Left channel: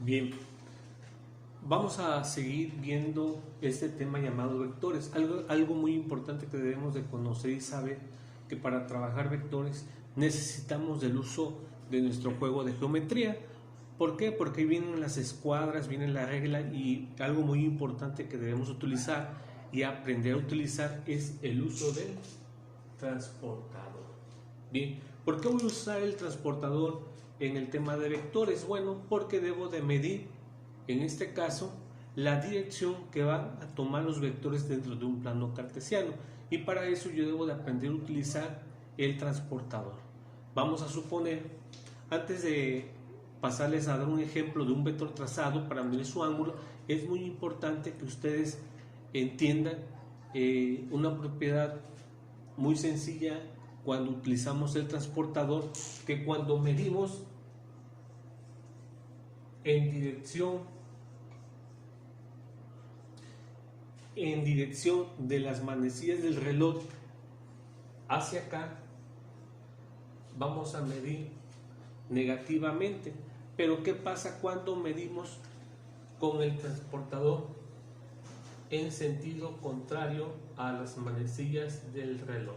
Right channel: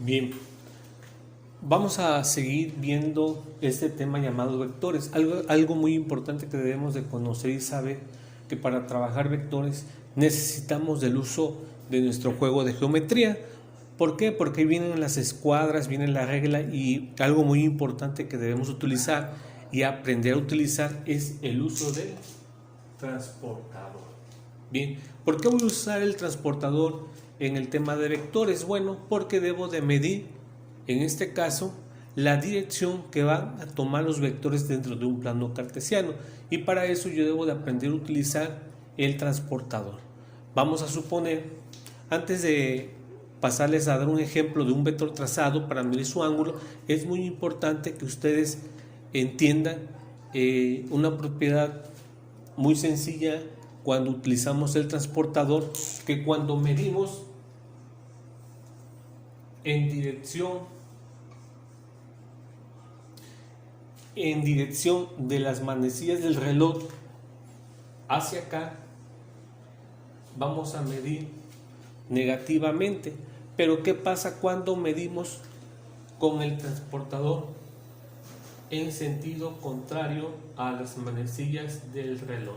Bien, vamos a seguir viendo este tema llamado vectores. Algo muy importante que debemos de conocer y saber que para trabajar vectores necesitamos del uso de nuestro juego de geometría. ¿Por qué? Porque ahí vienen las escuadras, viene la regla y algo muy importante que debemos utilizar y aprender a utilizar es el uso del transportador. Bien, ¿por qué voy a usar el transportador en el tema de vectores? Bueno, porque debo de medir, en este caso, la dirección que van a tomar los vectores dentro de un plano cartesiano. Y para eso yo debo de aprender a utilizar el transportador. Vamos a suponer, antes de pasarles a dar un ejemplo de un vector trazado para medir su ángulo, es muy importante que ustedes entiendan una propiedad muy sencilla cuando utilizamos el transportador, que cuando medimos en dirección de las manecillas del reloj hacia acá, vamos a medir negativamente. Pero ¿qué pasa cuando medimos con el transportador en sentido contrario a las manecillas del reloj?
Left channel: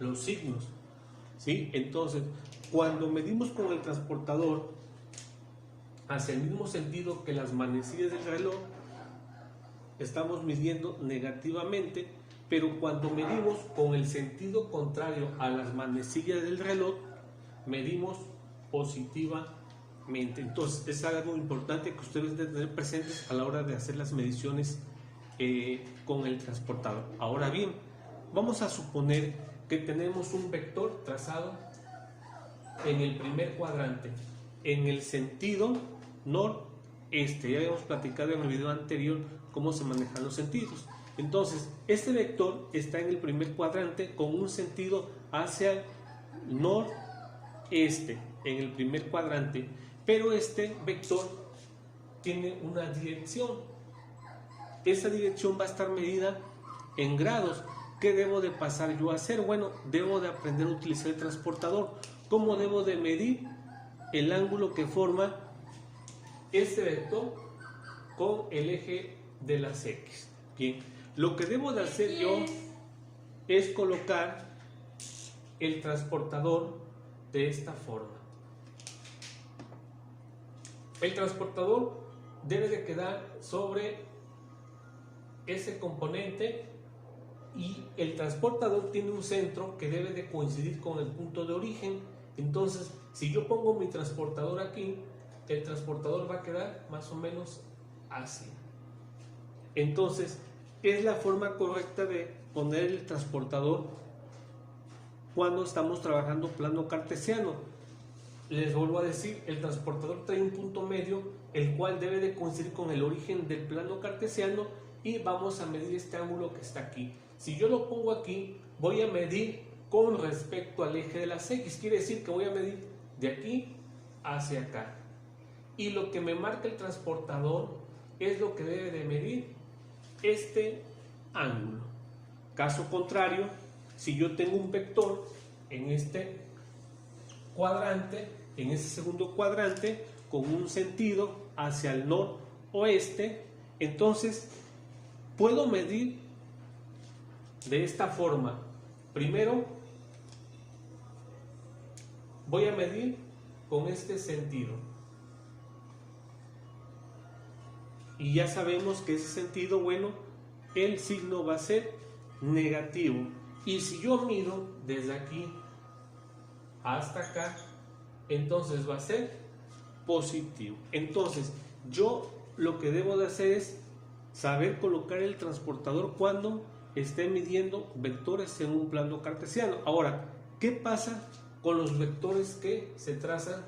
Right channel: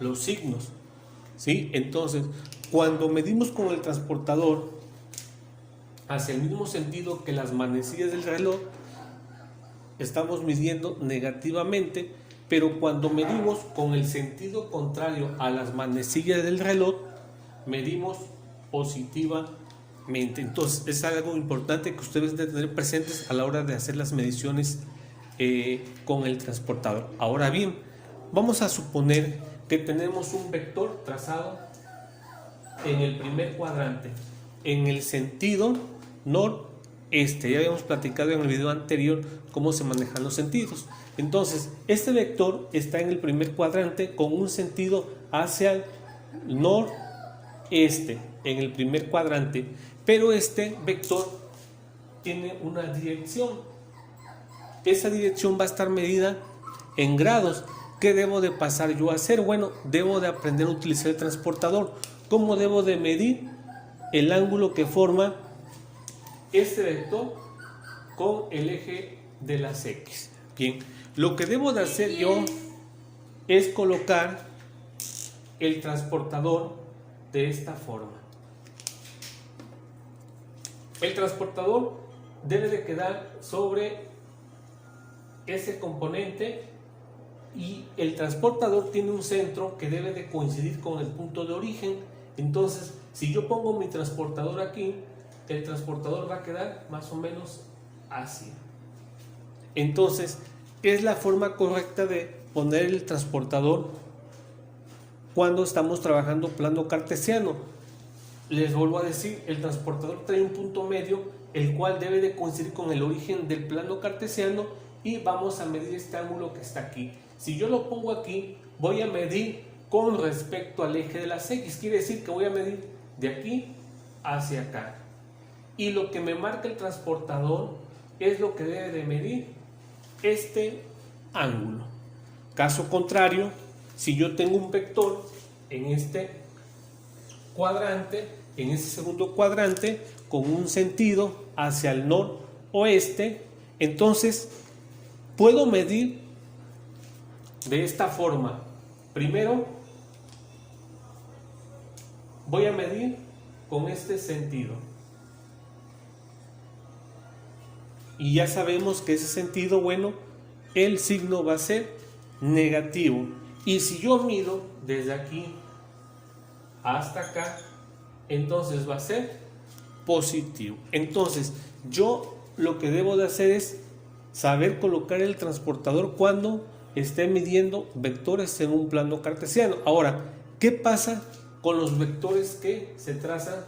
Los signos, ¿sí? Entonces, cuando medimos con el transportador hacia el mismo sentido que las manecillas del reloj, estamos midiendo negativamente, pero cuando medimos con el sentido contrario a las manecillas del reloj, medimos positivamente. Entonces, es algo importante que ustedes deben tener presentes a la hora de hacer las mediciones con el transportador. Ahora bien, vamos a suponer que tenemos un vector trazado en el primer cuadrante, en el sentido noreste. Ya habíamos platicado en el video anterior cómo se manejan los sentidos. Entonces, este vector está en el primer cuadrante con un sentido hacia el noreste, en el primer cuadrante, pero este vector tiene una dirección. Esa dirección va a estar medida en grados. ¿Qué debo de pasar yo a hacer? Bueno, debo de aprender a utilizar el transportador. ¿Cómo debo de medir el ángulo que forma este vector con el eje de las X? Bien, lo que debo de hacer yo es colocar el transportador de esta forma. El transportador debe de quedar sobre ese componente y el transportador tiene un centro que debe de coincidir con el punto de origen. Entonces, si yo pongo mi transportador aquí, el transportador va a quedar más o menos así. Entonces, es la forma correcta de poner el transportador cuando estamos trabajando plano cartesiano. Les vuelvo a decir, el transportador trae un punto medio, el cual debe de coincidir con el origen del plano cartesiano, y vamos a medir este ángulo que está aquí. Si yo lo pongo aquí, voy a medir con respecto al eje de las X. Quiere decir que voy a medir de aquí hacia acá. Y lo que me marca el transportador es lo que debe de medir este ángulo. Caso contrario, si yo tengo un vector en este cuadrante, en este segundo cuadrante, con un sentido hacia el noroeste, entonces puedo medir de esta forma. Primero voy a medir con este sentido, y ya sabemos que ese sentido, bueno, el signo va a ser negativo. Y si yo mido desde aquí hasta acá, entonces va a ser positivo. Entonces, yo lo que debo de hacer es saber colocar el transportador cuando esté midiendo vectores en un plano cartesiano. Ahora, ¿qué pasa con los vectores que se trazan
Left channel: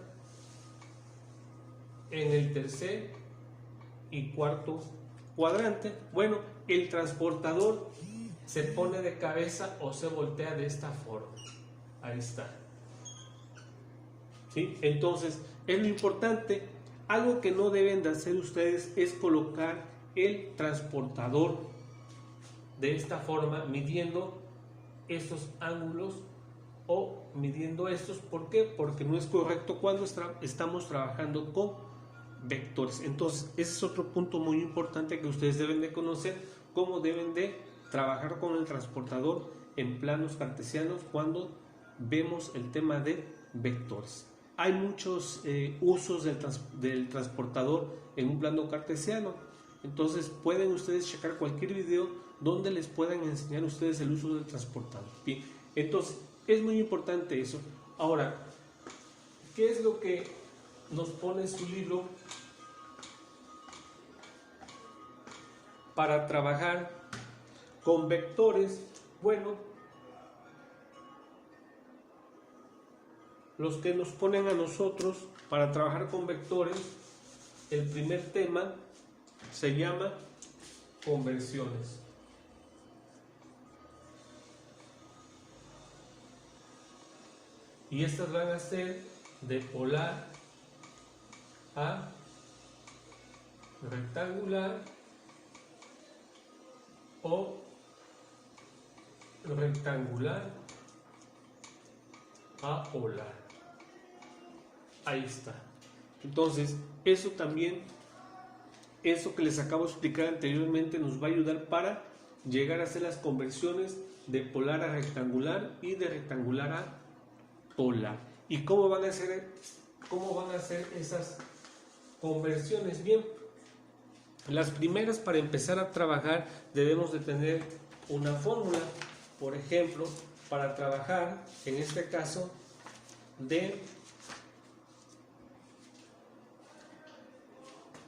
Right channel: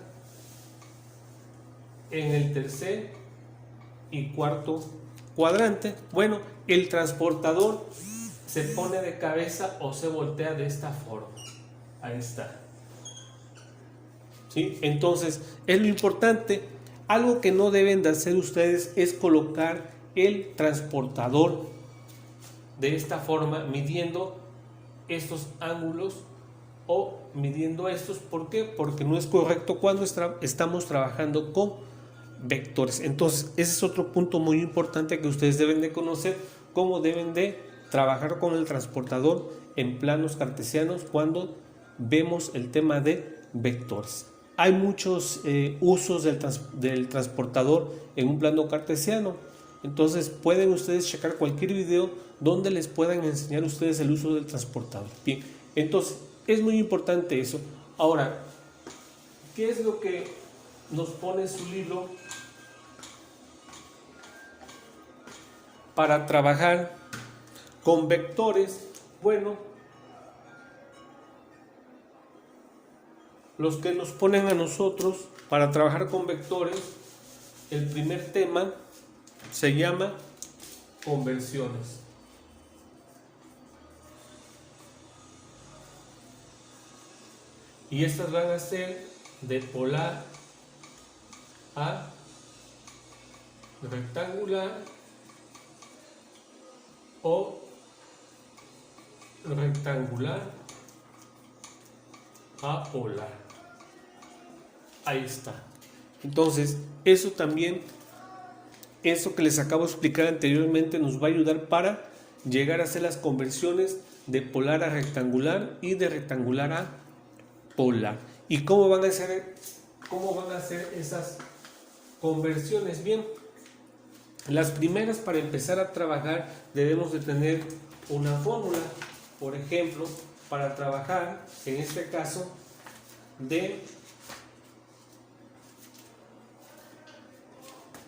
en el tercer y cuarto cuadrante? Bueno, el transportador se pone de cabeza o se voltea de esta forma. Ahí está. ¿Sí? Entonces, es lo importante. Algo que no deben de hacer ustedes es colocar el transportador de esta forma, midiendo estos ángulos o midiendo estos. ¿Por qué? Porque no es correcto cuando estamos trabajando con vectores. Entonces, ese es otro punto muy importante que ustedes deben de conocer, cómo deben de trabajar con el transportador en planos cartesianos cuando vemos el tema de vectores. Hay muchos usos del transportador en un plano cartesiano. Entonces pueden ustedes checar cualquier video donde les puedan enseñar ustedes el uso del transportador. Bien, entonces es muy importante eso. Ahora, ¿qué es lo que nos pone en su libro para trabajar con vectores? Bueno, los que nos ponen a nosotros para trabajar con vectores, el primer tema se llama conversiones. Y estas van a ser de polar a rectangular o rectangular a polar. Ahí está. Entonces, eso también, eso que les acabo de explicar anteriormente, nos va a ayudar para llegar a hacer las conversiones de polar a rectangular y de rectangular a polar. ¿Y cómo van a ser esas conversiones? Bien, las primeras, para empezar a trabajar, debemos de tener una fórmula. Por ejemplo, para trabajar, en este caso,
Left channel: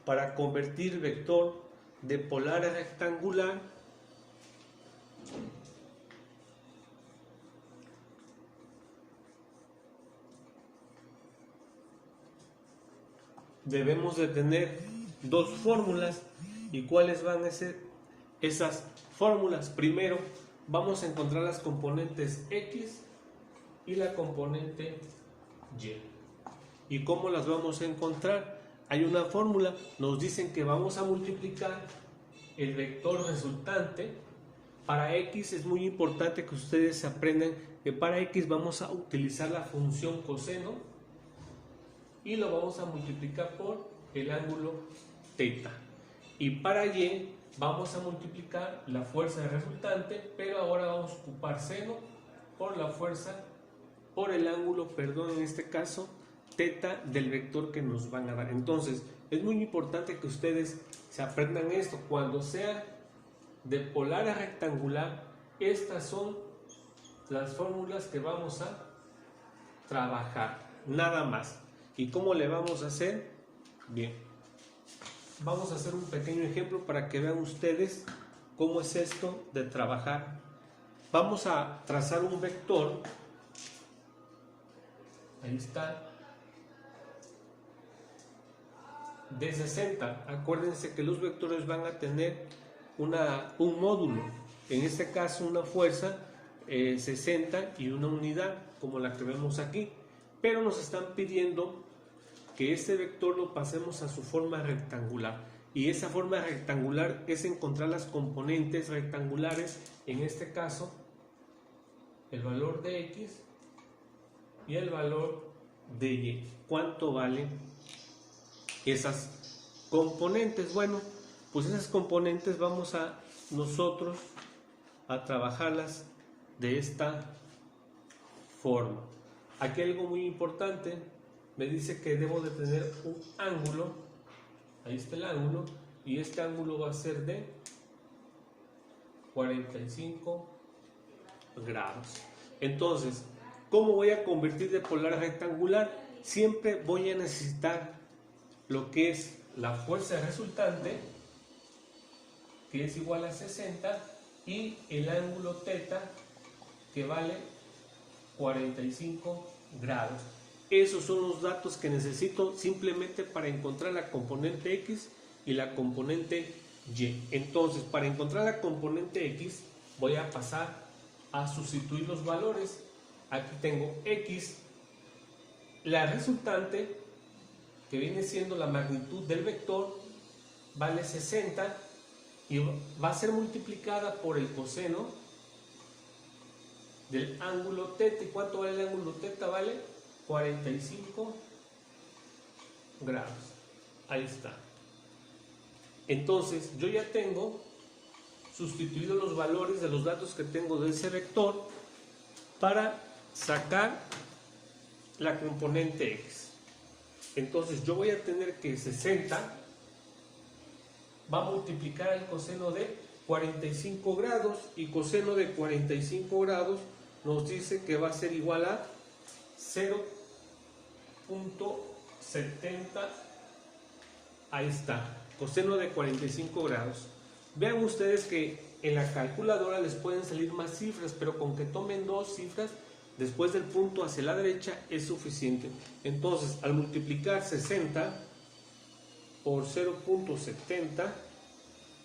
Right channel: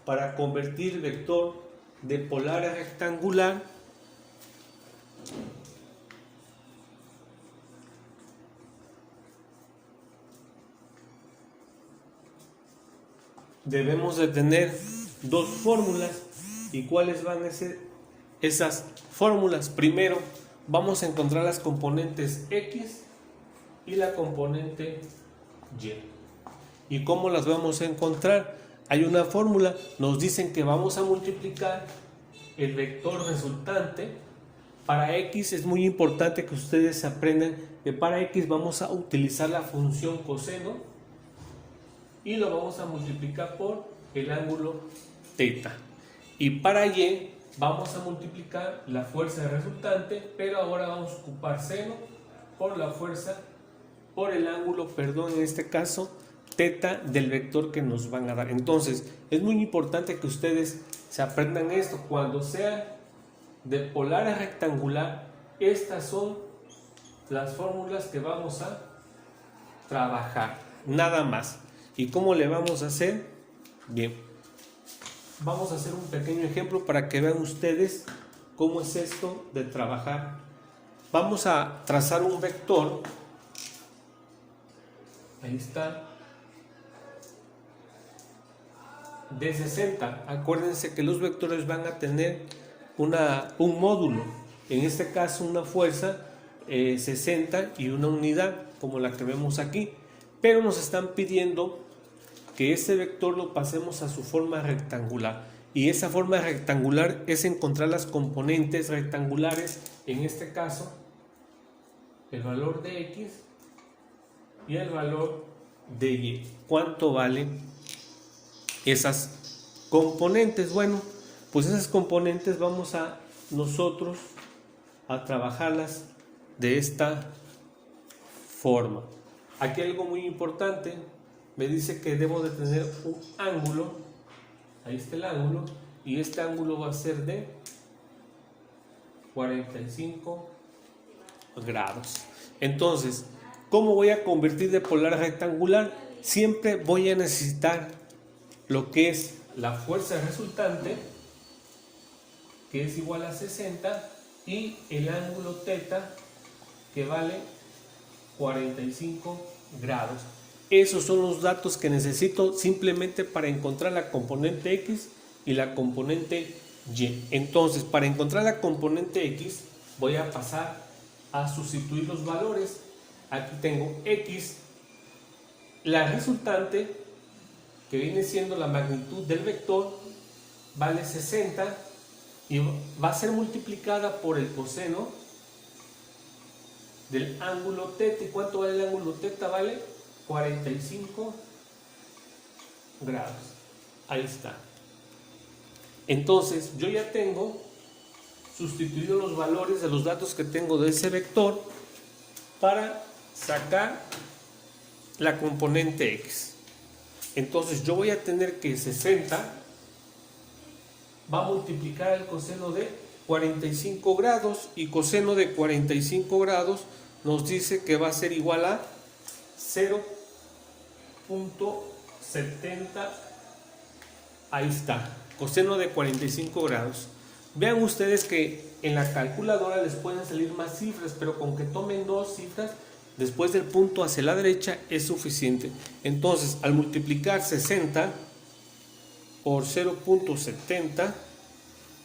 para convertir vector de polar a rectangular, debemos de tener dos fórmulas. ¿Y cuáles van a ser esas fórmulas? Primero, vamos a encontrar las componentes X y la componente Y. ¿Y cómo las vamos a encontrar? Hay una fórmula, nos dicen que vamos a multiplicar el vector resultante. Para X es muy importante que ustedes aprendan que para X vamos a utilizar la función coseno y lo vamos a multiplicar por el ángulo teta. Y para Y vamos a multiplicar la fuerza resultante, pero ahora vamos a ocupar seno por la fuerza, por el ángulo, perdón, en este caso, teta del vector que nos van a dar. Entonces, es muy importante que ustedes se aprendan esto. Cuando sea de polar a rectangular, estas son las fórmulas que vamos a trabajar, nada más. ¿Y cómo le vamos a hacer? Bien, vamos a hacer un pequeño ejemplo para que vean ustedes cómo es esto de trabajar. Vamos a trazar un vector. Ahí está. De 60. Acuérdense que los vectores van a tener un módulo. En este caso una fuerza 60 y una unidad como la que vemos aquí. Pero nos están pidiendo que este vector lo pasemos a su forma rectangular. Y esa forma rectangular es encontrar las componentes rectangulares. En este caso, el valor de X y el valor de Y. ¿Cuánto valen esas componentes? Bueno, pues esas componentes vamos a nosotros a trabajarlas de esta forma. Aquí algo muy importante, me dice que debo de tener un ángulo. Ahí está el ángulo, y este ángulo va a ser de 45 grados. Entonces, ¿cómo voy a convertir de polar a rectangular? Siempre voy a necesitar lo que es la fuerza resultante, que es igual a 60, y el ángulo teta, que vale 45 grados. Esos son los datos que necesito simplemente para encontrar la componente X y la componente Y. Entonces, para encontrar la componente X, voy a pasar a sustituir los valores. Aquí tengo X, la resultante, que viene siendo la magnitud del vector, vale 60 y va a ser multiplicada por el coseno del ángulo teta. ¿Y cuánto vale el ángulo teta? Vale 45 grados. Ahí está. Entonces yo ya tengo sustituido los valores de los datos que tengo de ese vector para sacar la componente X. Entonces yo voy a tener que 60 va a multiplicar el coseno de 45 grados, y coseno de 45 grados nos dice que va a ser igual a 0.70. ahí está, coseno de 45 grados. Vean ustedes que en la calculadora les pueden salir más cifras, pero con que tomen dos cifras después del punto hacia la derecha es suficiente. Entonces, al multiplicar 60 por 0.70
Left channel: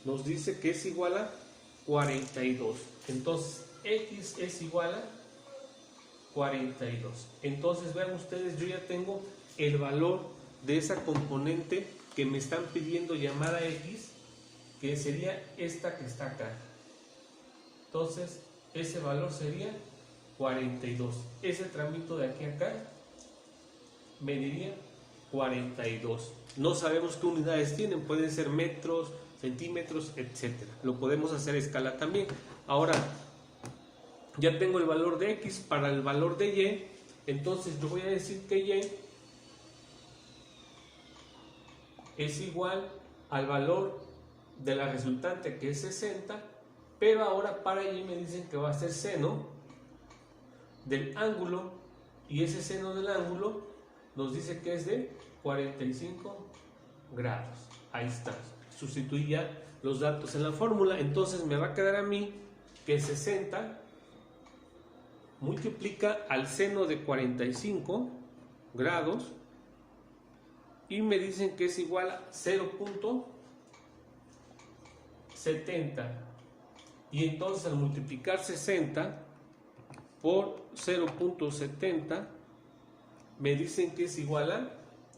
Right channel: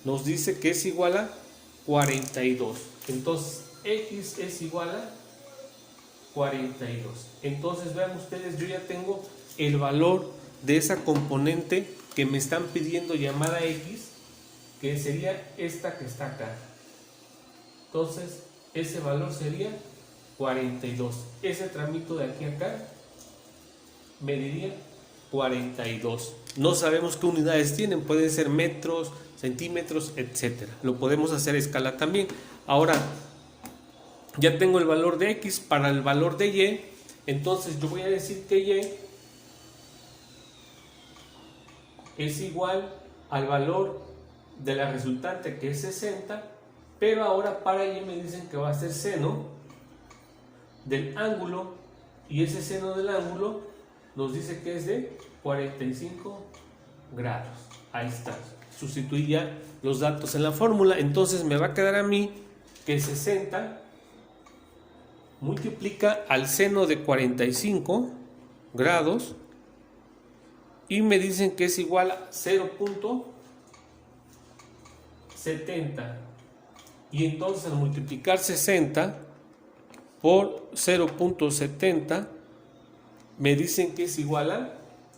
nos dice que es igual a 42. Entonces, X es igual a 42. Entonces, vean ustedes, yo ya tengo el valor de esa componente que me están pidiendo llamada X, que sería esta que está acá. Entonces, ese valor sería 42. Ese tramito de aquí a acá mediría 42. No sabemos qué unidades tienen, pueden ser metros, centímetros, etcétera. Lo podemos hacer a escala también. Ahora, ya tengo el valor de X para el valor de Y. Entonces, yo voy a decir que Y es igual al valor de la resultante, que es 60, pero ahora para Y me dicen que va a ser seno del ángulo, y ese seno del ángulo nos dice que es de 45 grados. Ahí está, sustituí ya los datos en la fórmula. Entonces me va a quedar a mí que 60 multiplica al seno de 45 grados y me dicen que es igual a 0.70, y entonces al multiplicar 60 por 0.70 me dicen que es igual a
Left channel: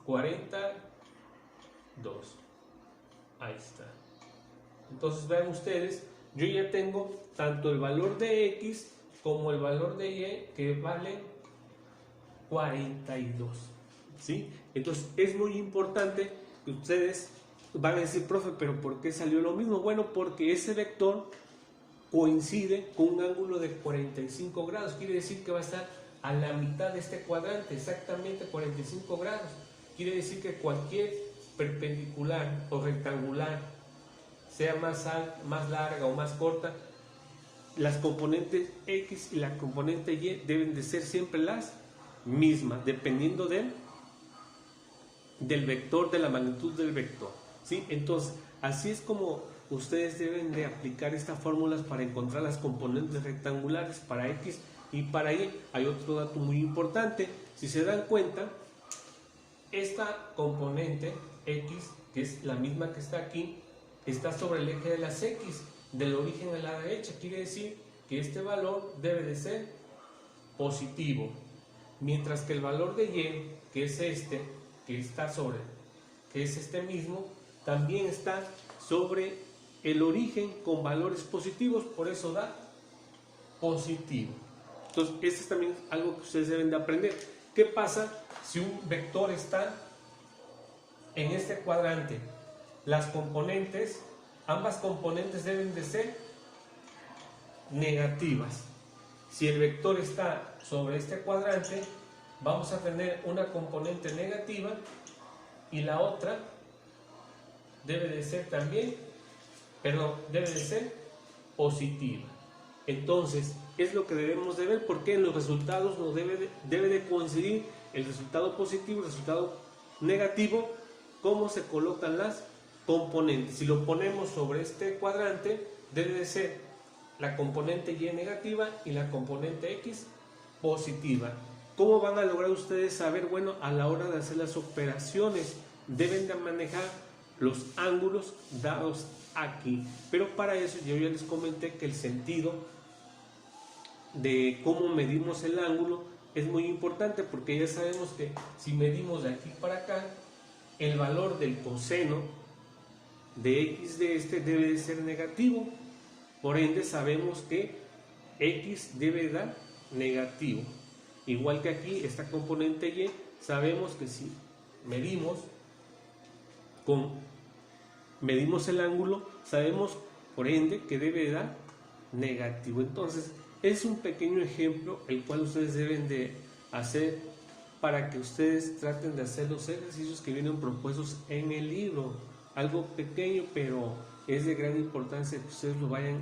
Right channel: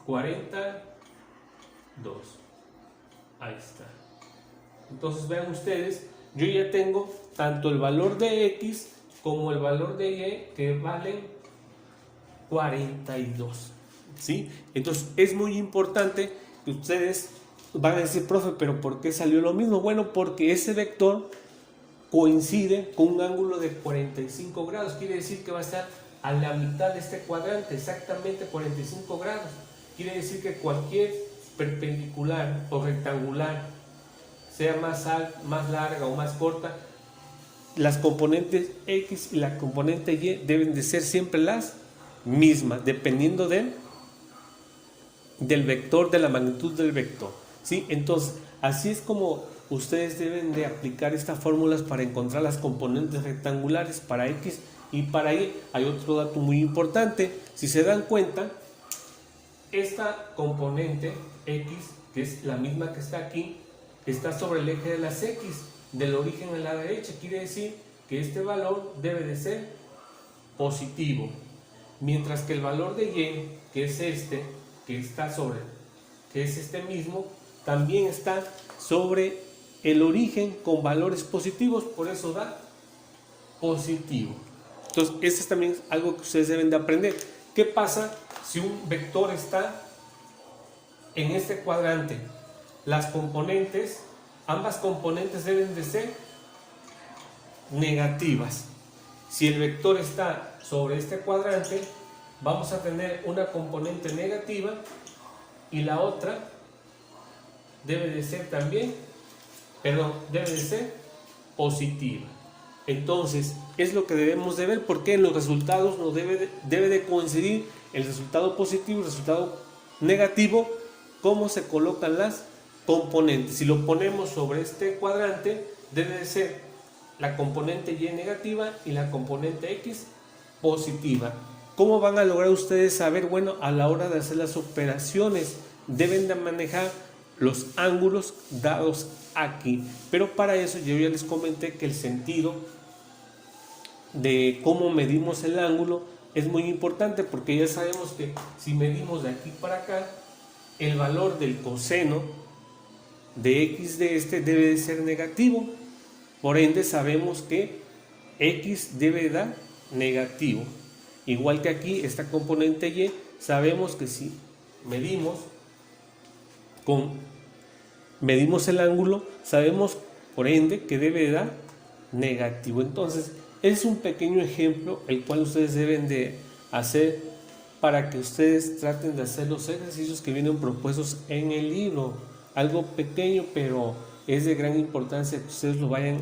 42. Ahí está. Entonces vean ustedes, yo ya tengo tanto el valor de X como el valor de Y, que valen 42. ¿Sí? Entonces es muy importante que ustedes van a decir, profe, pero ¿por qué salió lo mismo? Bueno, porque ese vector coincide con un ángulo de 45 grados. Quiere decir que va a estar a la mitad de este cuadrante, exactamente 45 grados. Quiere decir que cualquier perpendicular o rectangular, sea más larga o más corta, las componentes X y la componente Y deben de ser siempre las mismas, dependiendo del vector, de la magnitud del vector. ¿Sí? Entonces, así es como ustedes deben de aplicar estas fórmulas para encontrar las componentes rectangulares para X y para Y. Hay otro dato muy importante. Si se dan cuenta, esta componente X, que es la misma que está aquí, está sobre el eje de las X, del origen a la derecha. Quiere decir que este valor debe de ser positivo, mientras que el valor de Y, que es este, que está sobre, que es este mismo, también está sobre el origen con valores positivos, por eso da positivo. Entonces, eso es también algo que ustedes deben de aprender. ¿Qué pasa si un vector está en este cuadrante? Las componentes, ambas componentes deben de ser negativas. Si el vector está sobre este cuadrante, vamos a tener una componente negativa y la otra debe de ser también, debe de ser positiva. Entonces, es lo que debemos de ver, porque en los resultados no debe de coincidir el resultado positivo y el resultado negativo, cómo se colocan las componentes. Si lo ponemos sobre este cuadrante, debe de ser la componente Y negativa y la componente X positiva. ¿Cómo van a lograr ustedes saber? Bueno, a la hora de hacer las operaciones, deben de manejar los ángulos dados aquí. Pero para eso yo ya les comenté que el sentido de cómo medimos el ángulo es muy importante, porque ya sabemos que si medimos de aquí para acá, el valor del coseno de X de este debe de ser negativo. Por ende sabemos que X debe dar negativo. Igual que aquí, esta componente Y, sabemos que si medimos medimos el ángulo, sabemos por ende que debe dar negativo. Entonces, es un pequeño ejemplo el cual ustedes deben de hacer para que ustedes traten de hacer los ejercicios que vienen propuestos en el libro. Algo pequeño, pero es de gran importancia que ustedes lo vayan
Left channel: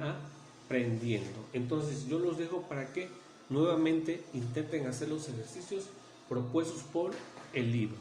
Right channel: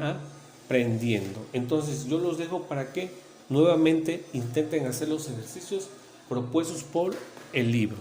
aprendiendo. Entonces, yo los dejo para que nuevamente intenten hacer los ejercicios propuestos por el libro.